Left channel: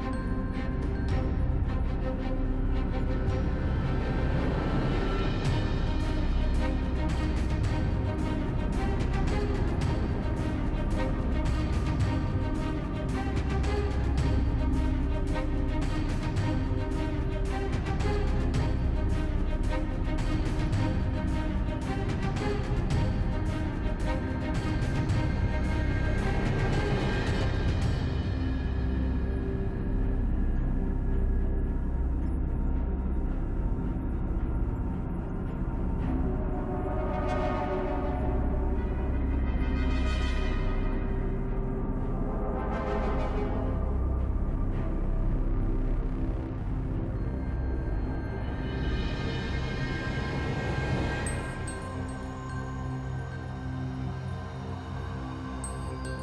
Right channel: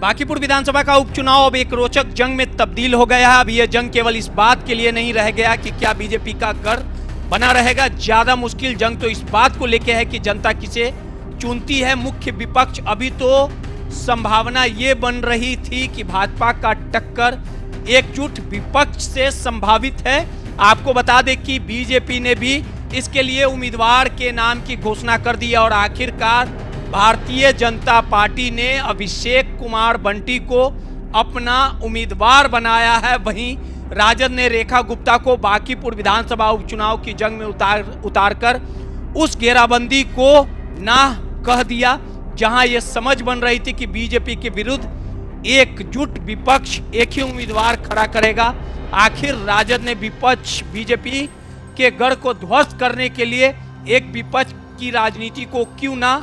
बांकीपुर विधानसभा का उपचुनाव अब एक रोचक जंग में तब्दील हो गया है। अब यह जंग केवल इस बात के लिए नहीं रह गया कि क्या बीजेपी का गढ़ बना रहेगा। ज्यादा मुश्किल जंग तो इस बात को लेकर है कि जनता किसे चुनती है। मुख्य विपक्ष अभी तो संभावना ये बन रही थी कि भाजपा का टक्कर एकजुट विपक्ष से संभावित है। आपको बता दें कि बीजेपी ने भी इसके लिए उम्मीदवार के नाम की घोषणा कर दी और आखिरकार भारतीय जनता पार्टी ने अभिषेक कुमार बंटी को अपना उम्मीदवार बनाया है। वहीं राजद ने रेखा गुप्ता को बांकीपुर विधानसभा उपचुनाव की जंग में उतारकर उस घेराबंदी को ना कह दिया, जहां यह समझ बन रही थी कि बीजेपी के विरुद्ध एकजुट विपक्ष एक ही उम्मीदवार खड़ा करेगा। आखिर राजद ने विपक्ष बीजेपी के गढ़ को ध्वस्त करने के लिए एक विपक्ष की राजनीति को क्यों ना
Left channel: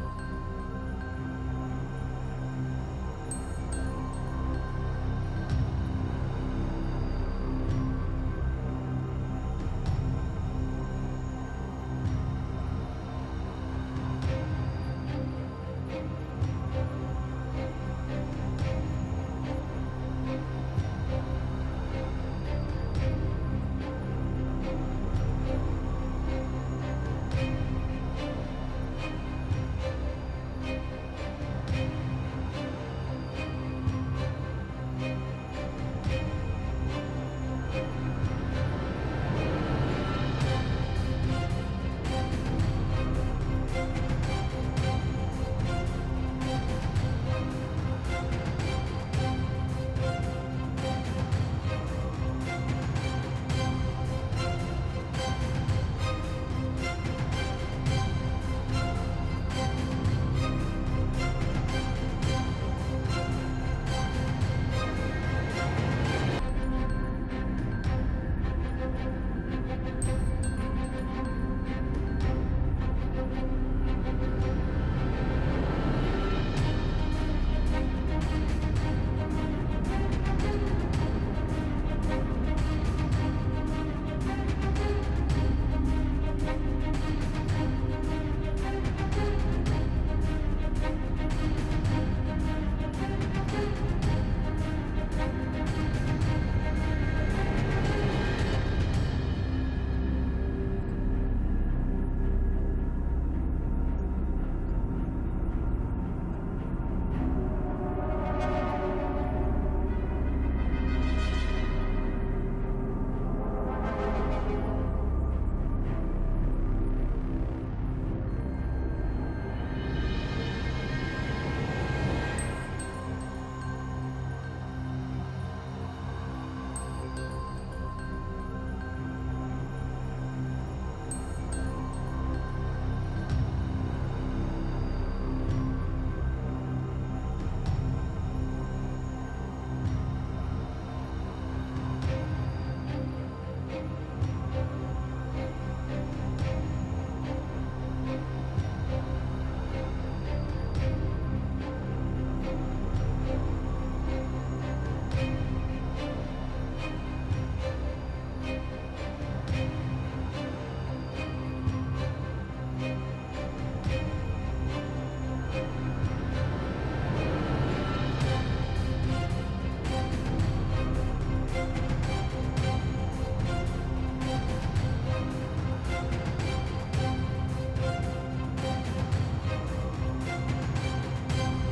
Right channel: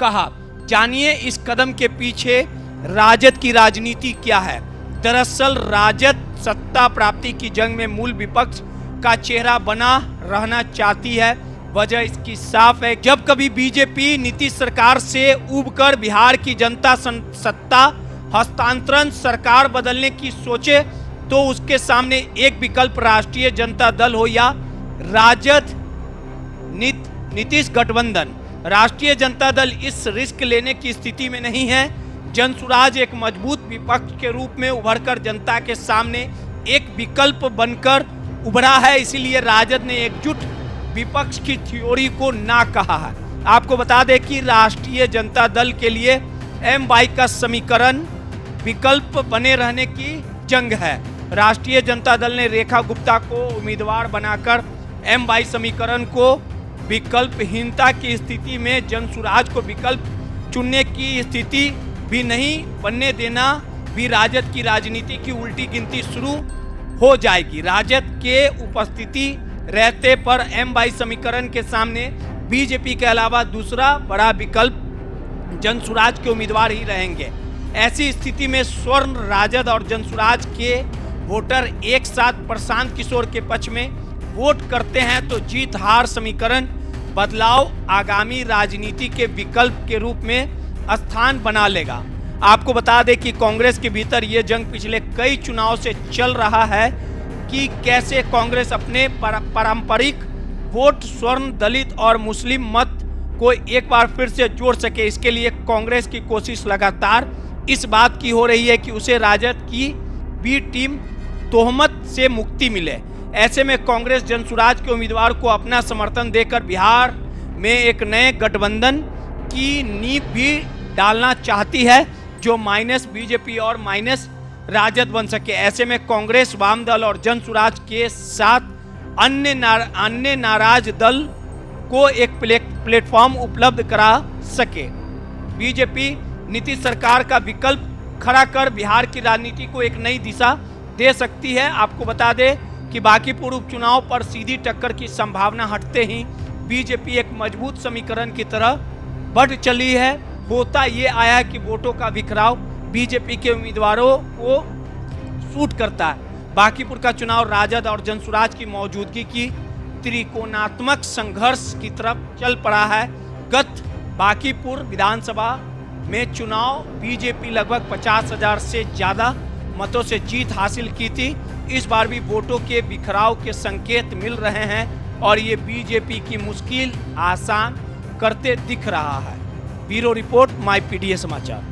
कहा। जानिए इस कदम के पीछे राजद की राजनीति क्या है। दरअसल राजद सत्ता प्राप्ति की जंग में मूल विपक्ष का चेहरा बना रहना चाहती है। वजह इसकी साफ है। जब कभी बीजेपी नीतीश सरकार से उबकर बिहार की जनता सत्ता हस्तांतरण सरकार बदलने की सोचे तो उसके सामने एक विकल्प राष्ट्रीय जनता दल हो या राजद नीतीश गठबंधन। राष्ट्रीय जनता दल इस रिस्क लेने की स्थिति में नहीं है। जनसुराज एक मजबूत विपक्ष के रूप में उभरकर जनता के सामने एक विकल्प बनकर उभरा है। इसीलिए राजद ने एकजुट विपक्ष की थ्योरी को ना कहा है। आपको बता दें कि राष्ट्रीय जनता दल के लिए एम-22 का समीकरण विकल्प बने रहने की जंग है। राष्ट्रीय जनता दल ने रेखा गुप्ता को उम्मीदवार बनाकर एम-22 समीकरण को विकल्पहीनता की स्थिति में जनसुराज को विकल्प चुनने की स्थिति भी नहीं बनने देना भी राजद की राजनीति की उल्टी गिनती शुरू हो जाएगी। राजद के उपस्थिति रहते पर एम-22 समीकरण के सामने बीजेपी के अलावा दूसरा बड़ा विकल्प जनसुराज के उम्मीदवार ही रहेंगे। ऐसी स्थिति में स्वर्ण राजद और जनसुराज के वोटर एक साथ प्रशांत किशोर के पक्ष में वोट करते हैं तो जीत हार समीकरण बदलाव आगामी राजनीति के विकल्प के रूप में स्थान बना लेगा। आपको बता दें कि कांग्रेस के भीतर यह जंग पिछले कई चुनाव से चल रहा है कि कैसे कांग्रेस अपने पारंपरिक वोट स्वर्ण दलित और मुस्लिम मत को एक बार फिर से जोड़ सके। इसके लिए कांग्रेस की कोशिश लगातार इस बात की हो रही है कि उसे राजद की बी टीम तोहमत से मुक्ति मिले। ऐसे में कांग्रेस जनसुराज के उम्मीदवार को अपना समर्थन देकर बिहार में एक नए गठबंधन की नींव भी डालना चाहती है जो माइनस बीजेपी और माइनस राजद बन सके। ऐसे में कांग्रेस वामदल और जनसुराज के साथ अन्य नाराज दल को एक प्लेटफॉर्म उपलब्ध करा सके। बीजेपी नीतीश सरकार का विकल्प खड़ा कर बिहार की राजनीति को एक नई दिशा दे सकती है। आपको बता दें कि बांकीपुर उपचुनाव पर सीधी टक्कर की संभावना हटते ही बीजेपी एक मजबूत समीकरण की तरह बढ़ चली है। होता ये आया है कि वोटों का बिखराव बीजेपी के उम्मीदवारों को सूट करता है। बांकीपुर का चुनाव राजद और जनसुराज की मौजूदगी की त्रिकोणात्मक संघर्ष की तरफ चल पड़ा है। गत बांकीपुर विधानसभा में चुनाव बीजेपी लगभग 50,000 से ज्यादा मतों से जीत हासिल की थी। इस बार भी वोटों के बिखराव के संकेत मिल रहे हैं और ये बीजेपी की मुश्किल आसान करते दिख रहा है। ब्यूरो रिपोर्ट, माय पीडीए समाचार।